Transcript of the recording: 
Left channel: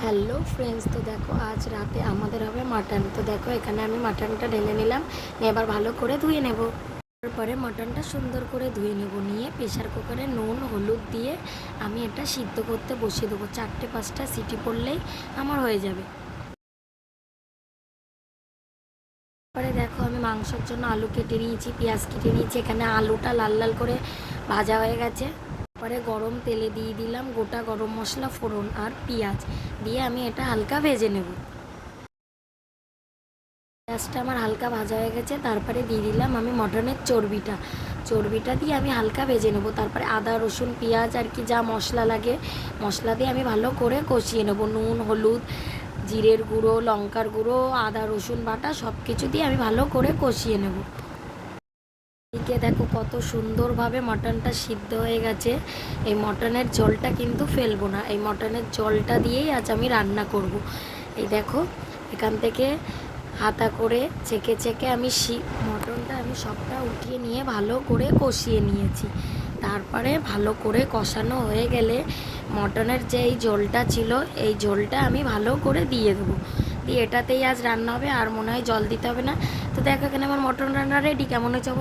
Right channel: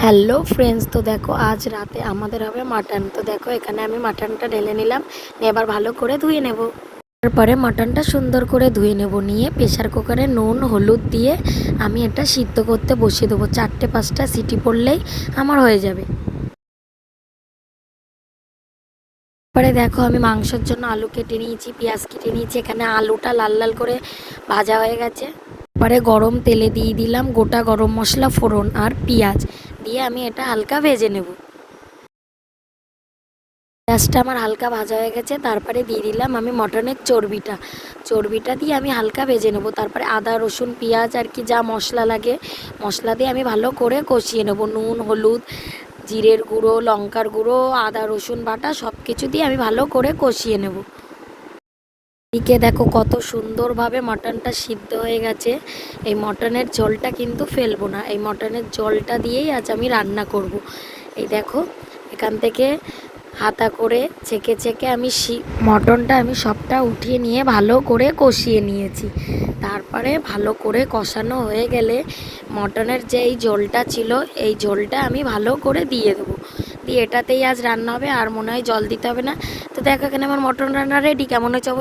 Hello friends, তো দেখো আজ রাতে আমাদের হবে মাটন। তো দেখো এখানে আমি মাটনটা ঢেলে নিলাম, নিয়ে এবার ভালো করে ধুয়ে নেব। তারপরে মাটনটা সুন্দর করে ধুয়ে নেব, নিয়ে প্রেশার কুকারে নুন হলুদ দিয়ে আমি এটা সিদ্ধ করতে বসিয়ে দেবো। 4-5টা সিটি পড়লেই আমার হয়ে যাবে। তারপরে দেখো আমি মাংসের জন্য আলু কেটে নিয়েছি, পেঁয়াজ কেটে নিয়েছি। এখানে আলুটা লাল লাল করে ভাজা হয়ে গেছে। তারপরে গরম তেলে দিয়ে দিলাম গোটা গরম মশলা, ফোড়ন আর পেঁয়াজ দিয়ে আমি এটা হালকা ভেজে নেব। পেঁয়াজটা আমার হালকা ভাজা হয়ে গেছে, তারপরে দিয়ে দিলাম আমি মটনের চর্বিটা দিয়ে আমি হালকা ভেজে নেব। তারপরে আদা রসুন পেঁয়াজ আর কি যা মশলা লাগে মশলা দিয়ে আমি ভালো করে কষিয়ে নেব। নুন হলুদ জিরের গুঁড়ো লঙ্কার গুঁড়ো আদা রসুন বাটা সব কিছু দিয়ে আমি ভালো করে কষিয়ে নেব। এদিকে দেখো কত সুন্দরভাবে মটনটা সিদ্ধ হয়ে গেছে। এই মটনের ঝোলটা কিন্তু ফেলবো না, এই মটনের ঝোলটা দিয়েই আজ আমি রান্না করব। এই দেখো এখান থেকে হাতা করে ছেঁকে ছেঁকে আমি মটনটা আমি সবটা উঠিয়ে নিয়ে ভালো করে কষিয়ে নিয়েছি। তারপরে ভালো করে কষানো হয়ে গেলে মটনের যে এই ঝোলটা ছিল এই ঝোলটা আমি ভালো করে দিয়ে দেবো। দিয়ে এটাতেই আজ রান্না হবে, আর মনে হয় জল দিতে হবে না। তো দেখো এখানে আমার মটন রান্না রেডি। কেমন হয়েছে অবশ্যই